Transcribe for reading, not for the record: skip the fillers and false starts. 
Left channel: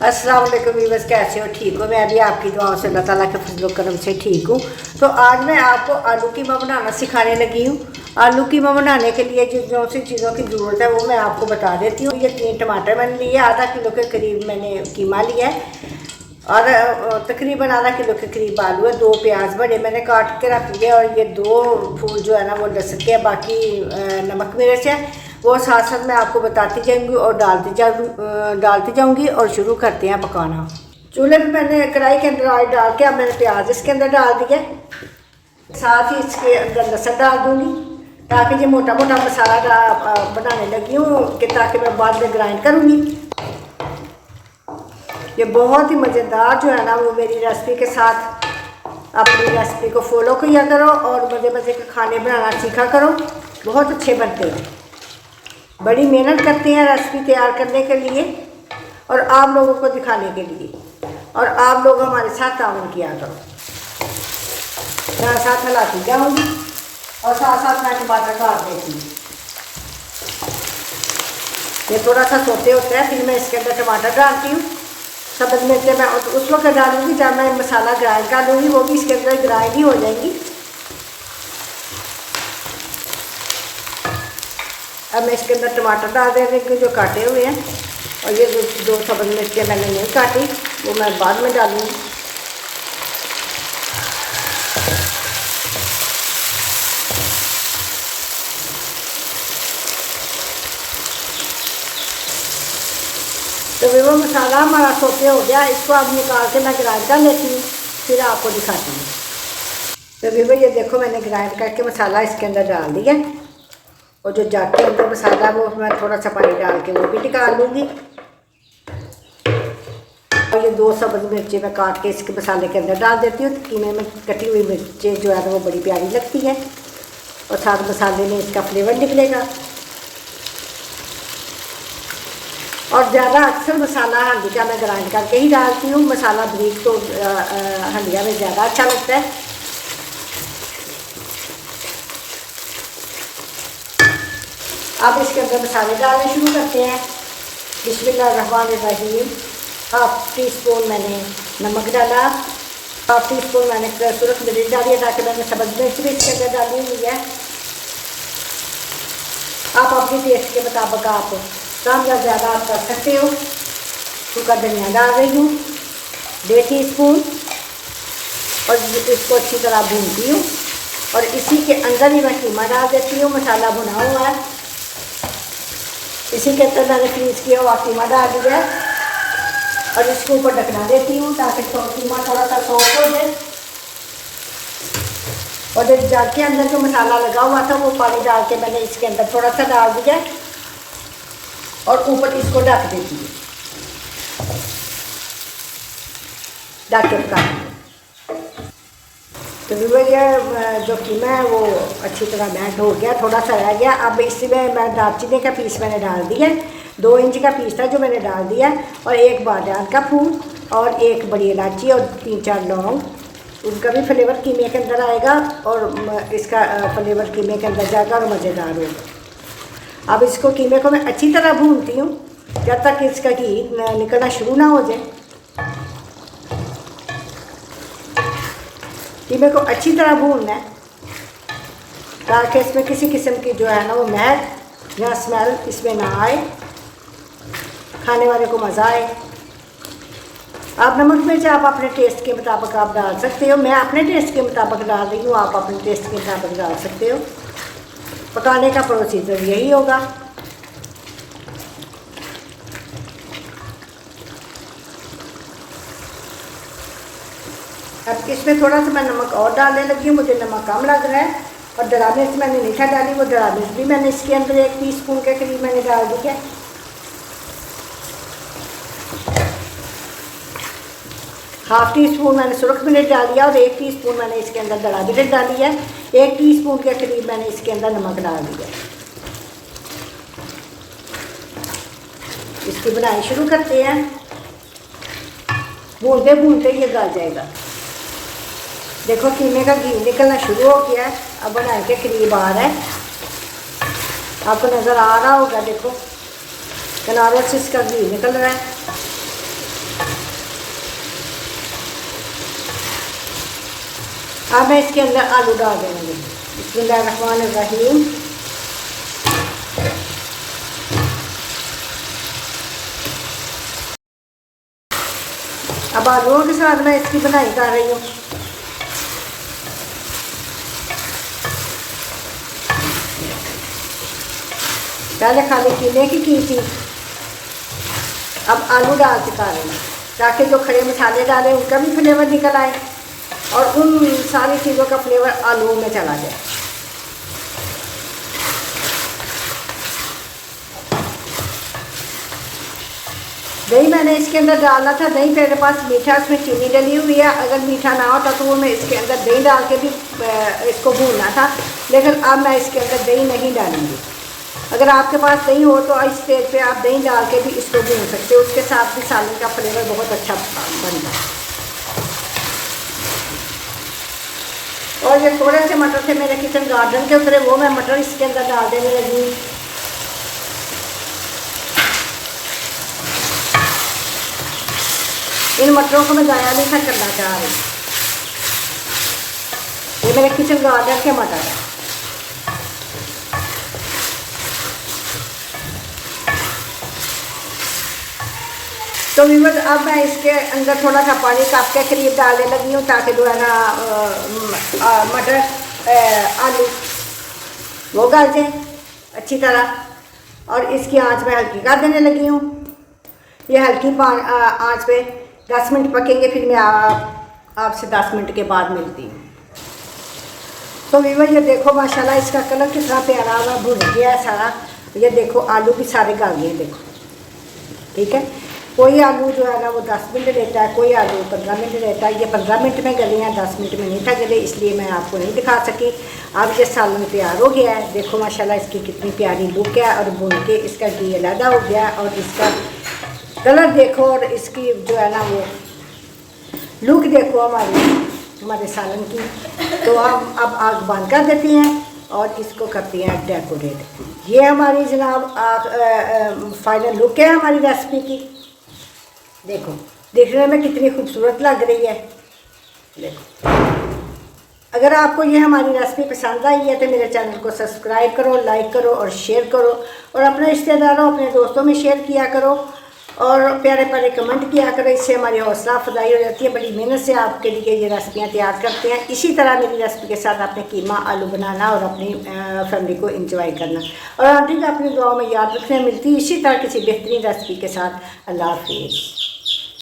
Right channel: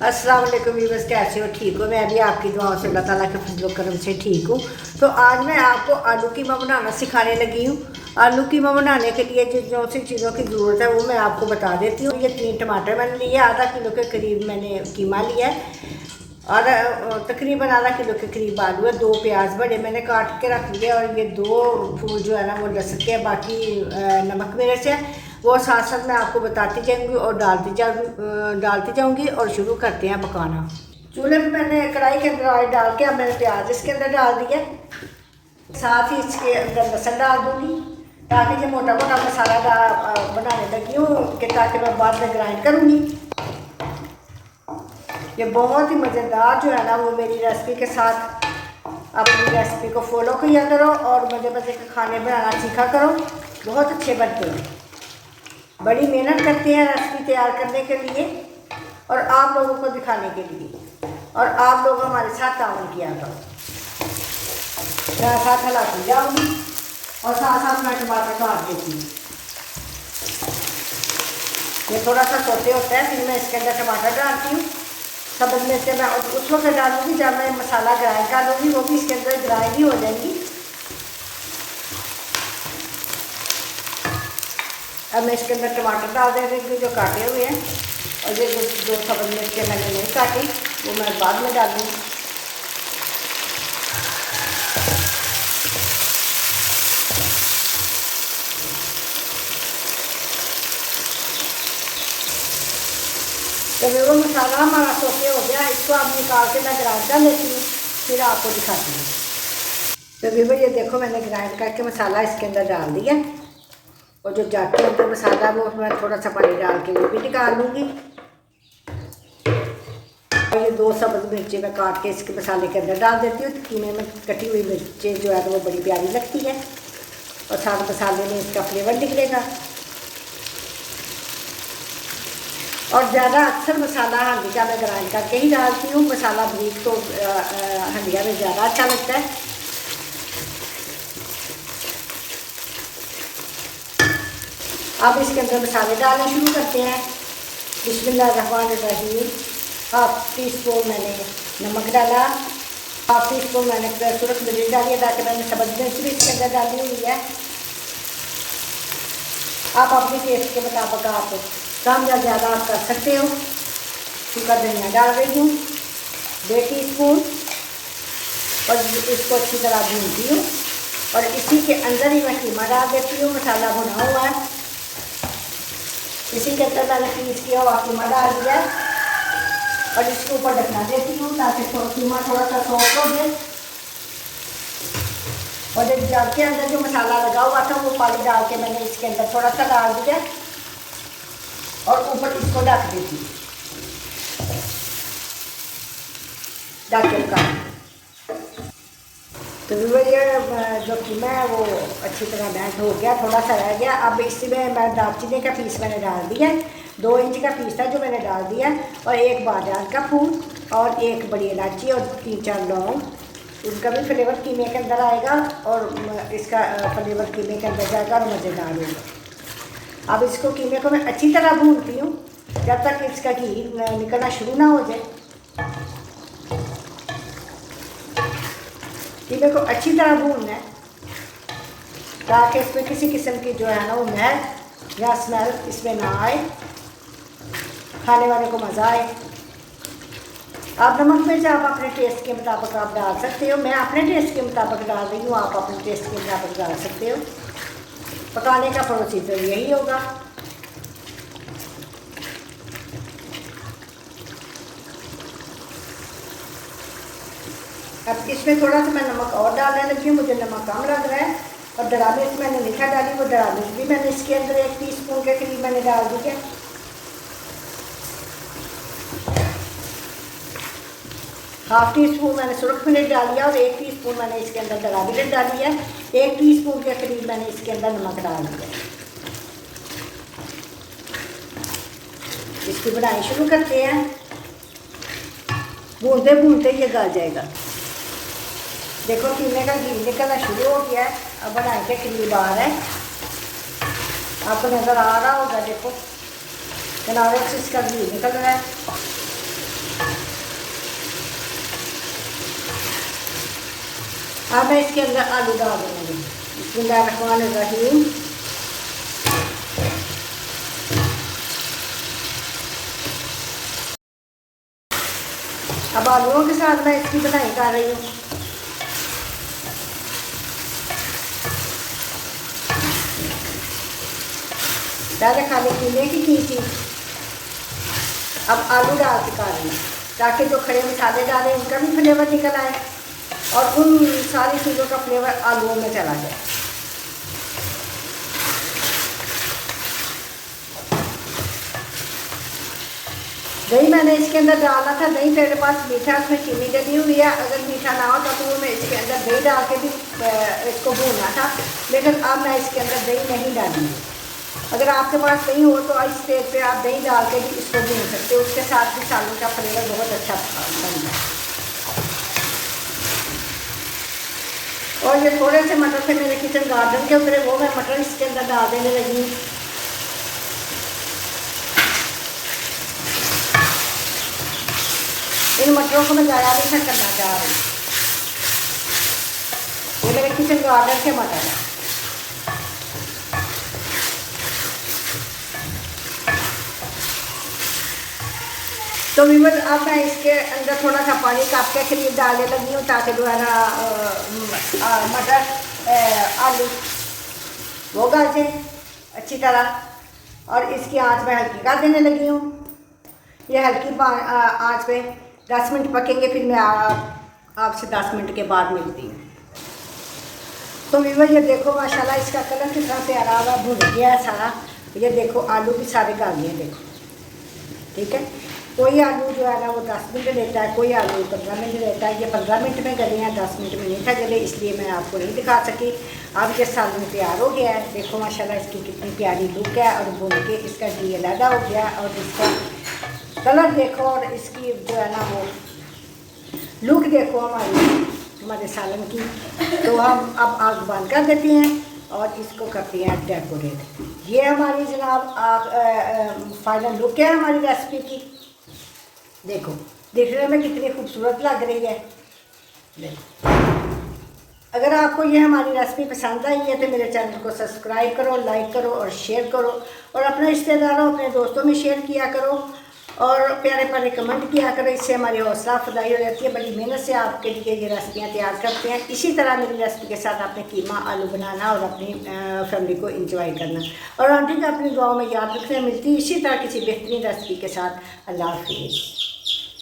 अस्सलाम वालेकुम व्यूअर्स, कैसे हो? ठीक हो? मैं भी आपकी दुआओं से अल्लाह ताला के फजल करम से ठीक हूँ। तो आज मैं आपको आलू कीमा बनाना सिखाने लगी हूँ। आलू कीमा बनाने के लिए जो सी चीज़ों की ज़रूरत है वो मैं आपको बता देती हूँ। ये 3 टमाटर मैंने लिए, आधा किलो के करीब मैंने कीमा लिया है, तकरीबन आधा किलो के करीब आलू है, 2 प्याज बड़े मैंने काट के रख लिए, और ये 2 फूल जो है ना वो लहसुन के, बाकी नमक मिर्च है वो साथ साथ मैं आपको बताती जाऊंगी और डालती जाऊंगी। और शुरू करते हैं पकाना। चूल्हे पे मैंने कढ़ाई के अंदर ऑयल डाल के अब मैंने प्याज इसके अंदर डाल दिया, साथ ही इसके अंदर लहसुन डाल दूंगी, ताकि ये मोटा मोटा मसाला बनाने लगी हूँ कि ताकि मैं बाद में ग्राइंड करूँगी। ये बहुत ही मज़ेदार जो है ना वो मेरी रेसिपी के साथ अपनी रेसिपी को फॉलो किया करो और मज़े मज़े के खाने बनाना सीखा करो। बहुत अच्छे बनते हैं, बड़ी मेहनत करते हैं रेसिपी तैयार करने के लिए और आप लोगों को दिखाने के लिए, और आप लोग हमारे साथ ताउन किया करो। मैं साथ हिलाती जाऊँगी और साथ साथ मैं टमाटर काट देती हूँ। ये थोड़ा सा सोते होता है, फिर मैं इसके अंदर टमाटर डालती हूँ। सब्ज़ मिर्चें मैं उस वक्त डालूँगी जब मैं मसाला ग्राइंड कर दूँगी, वो भी इसके अंदर ग्राइंड ही हो जाएगी। अब मैं इसके अंदर टमाटर डाल देंगे जो काटे हुए हैं, और ये 2 सब्ज़ मिर्चें मैंने नहीं काटी वो मैं बाद में डालूँगी। तो वो मसाला हमारा सोते हो गया, इसको अब निकाल के मैं ग्राइंड कर लेती हूँ, फिर आपको दिखाती हूँ। तो भी ये देखो मैंने ग्राइंड करके मसाला इसके अंदर डाल दिया, और जो जाके अंदर मसाला वो मैं थोड़ा सा पानी डाल के वो भी निकाल लूँगी। और ये 2 सब्ज़ मिर्चें मैं काट के इसके मसाले के अंदर डाल देती हूँ। कीमे में कटी हुई मिर्चें जो है तो वो बड़ी प्यारी लगती है, और साथ मसाले में इसका फ्लेवर निकलेगा। और ज़्यादा अक्सर मसाला हंडिया में ग्राइंड करके ही डालती हूँ। मसाला ब्रीक तो हंडिया में ज़्यादा अच्छा लगता है। अब इसके अंदर मसाले डालने शुरू करते हैं। बिस्मिल्लाहिर्रहमानिर्रहीम। 1/2 टीस्पून मैंने नमक डाला, 1/2 टीस्पून मैंने सूरज मिर्च डाली है, ताकि मैंने सब्ज़ मिर्च भी इसके अंदर डाली हुई है। आप अपने टेस्ट के मुताबिक आप कम या ज़्यादा आप कर सकते हो। सूखा धनिया डाल रही हूँ 1.5 टीस्पून, और इसको अच्छी तरह भूनती हूँ, और इसी के अंदर ही मैं कीमा डाल देती हूँ। मसाला भुना हुआ है, इसी के अंदर मैंने पीस किया हुआ कीमा डाल दिया है, और इसके ऊपर ढकना देती हूँ ताकि कीमा थोड़ा सा सॉफ्ट हो जाए। और एक जग के अंदर जो मसाला लगा हुआ था वो पानी डाल के मैंने इसके अंदर थोड़ा सा डाल दिया, और ऊपर इसको ढक देती हूँ। ढक के तो ये जो कीमा है वो अच्छी तरह मैश हो गया, थोड़ा सा रह गया। अब इसमें मैं दालचीनी का पीस मैंने डाल दिया, 2 इंच का पीस था जो मैंने डाल दिया, और 1 बादाम का फूल, और 1 बड़ी इलायची, और 3-4 लौंग। उसका भी फ्लेवर कीमे के अंदर आएगा, और इसका फ्लेवर कीमे के अंदर जाएगा और मज़ेदार होगा। अब इसको कीमे को मैं अच्छी तरह भूनती हूँ जब तक इसका घी निकलना शुरू ना हो जाए। कीमे को अच्छी तरह भूनना है ताकि इसमें किसी किस्म की जो है ना वो महक या स्मेल इसमें ना आए, खाने वाले को मज़ा आए। आप नमक मिर्च आप अपने टेस्ट के मुताबिक आप डाल सकते हो। मैं अपने टेस्ट के मुताबिक डाल रही हूँ, आप अपने टेस्ट के मुताबिक डाल सकते हो। पकाने का प्रोसीजर यही होगा। अब इसमें थोड़ा सा मैं नमक और डालने लगी हूँ, मुझे नमक कम लग रहा है। और दरा मिर्च मैंने मीठा डाली, वो दरा मिर्च भी मैंने इसके अंदर 1 टीस्पून के करीब मैंने डाल दी है। 1/2 टीस्पून मैंने सूरज मिर्च डाल दिया, और 1 टीस्पून मैंने इसके अंदर दरा मिर्च डाली है। 1 टीस्पून के करीब मैंने इसके अंदर नमक डाल दिया। इसकी बनाई शुरू करते हैं। भूनते भूनते ये गल जाएगा। देखो कीमे का घी निकलना शुरू हो गया है, अब बनाने के करीब आ रहा है, आपको नज़र आ रहा होगा। देखो किनारे से इसका घी निकल रहा है। अब मैं इसके अंदर आलू डाल देंगे। बिस्मिल्लाहिर्रहमानिर्रहीम। अब आलूओं के साथ मैं इसकी बनाई कर रही हूँ। पहले खाली कीले की थी, अब आलू डाल के खा रही हूँ ताकि जो खड़े मसाले डाले उनका भी फ्लेवर निकल आए और उन सारी चीज़ों का फ्लेवर आलूओं में चला जाए। दही मैंने इसके अंदर डालना था, दही मेरे पास मीठा, उसमें चीनी डली हुई है। अगर मीठा ना होता तो वो मैं इसके अंदर दही डाल के भी इसको भूनना था, लेकिन अब मैं इसके अंदर दही नहीं डालूंगी। अगर आपके पास दही हो तो इस स्टेज पे आप दही डाल के भी इसको भून सकते हो, उसके साथ भी सालन का फ्लेवर बहुत अच्छा बनता है। और ये थोड़े से मटर थे मेरे किचन गार्डन के ऊपर, वो मैं मटर इसके अंदर डाल देने लगी। इन मटरों को मैं ज़्यादा नहीं था करना चाह रही। ये मेरे किचन गार्डन के मटर है। तो विमल अब मैं इसके अंदर थोड़ा सा पानी कप के करीब डालने लगी हूँ ताकि जो है ना मटर आलू वो गल जाए अच्छी तरह। और इसकी आंच मैं हल्की कर देने लगी हूँ। ये हल्की आंच पे 10 मिनट पकेंगे, फिर मैं आपसे 10 मिनट के बाद मिलती हूँ। तो विमल ये देखो माशाल्लाह इसका कलर कितना प्यारा हुआ, भुन गया है सारा। ये देखो आलू भी सारे गल गए, देखो ठीक है। कोई आलू जो है ना वो 10 मिनट लेता है, कोई आलू 15 मिनट लेता है। ये 15 मिनट में गले हैं, 10 मिनट में नहीं था गले, इसलिए मैं आपको नहीं दिखा सकी। अब ये सालन तैयार हो गया है। देखो माशाल्लाह इसकी कितनी प्यारी लुक है और भुन के इसका घी अलग हो गया और इसका कलर देखो और इसकी जो है ना वो लुक देखो हमारे सालन की। तो हम अब आग बंद कर देते हैं और इसको करते हैं डेकोरेट। ये हमारी जनाब फाइनल लुक है हमारी रेसिपी की। देखो देखने में कितनी खूबसूरत लग रही है। देखो अगर आपको ये हमारी रेसिपी पसंद आई है तो मेरे चैनल को सब्सक्राइब करो, लाइक करो और शेयर करो और अपने रिश्तेदारों अपने दोस्तों में शेयर किया करो और प्यारे प्यारे कमेंट किया करो। इससे हमारी हौसला अफजाई हो जाती है। बड़ी मेहनत से आपके लिए ये रेसिपियाँ तैयार करते हैं। इसी तरह मेरी रेसिपी के साथ आपने कीमा आलू बनाना और अपनी फैमिली को एंजॉय करना और आंटी को अपनी दुआओं में याद रखना। मिलती इसी तरह किसी बेहतरीन रेसिपी के साथ। अल्लाह हाफिज़।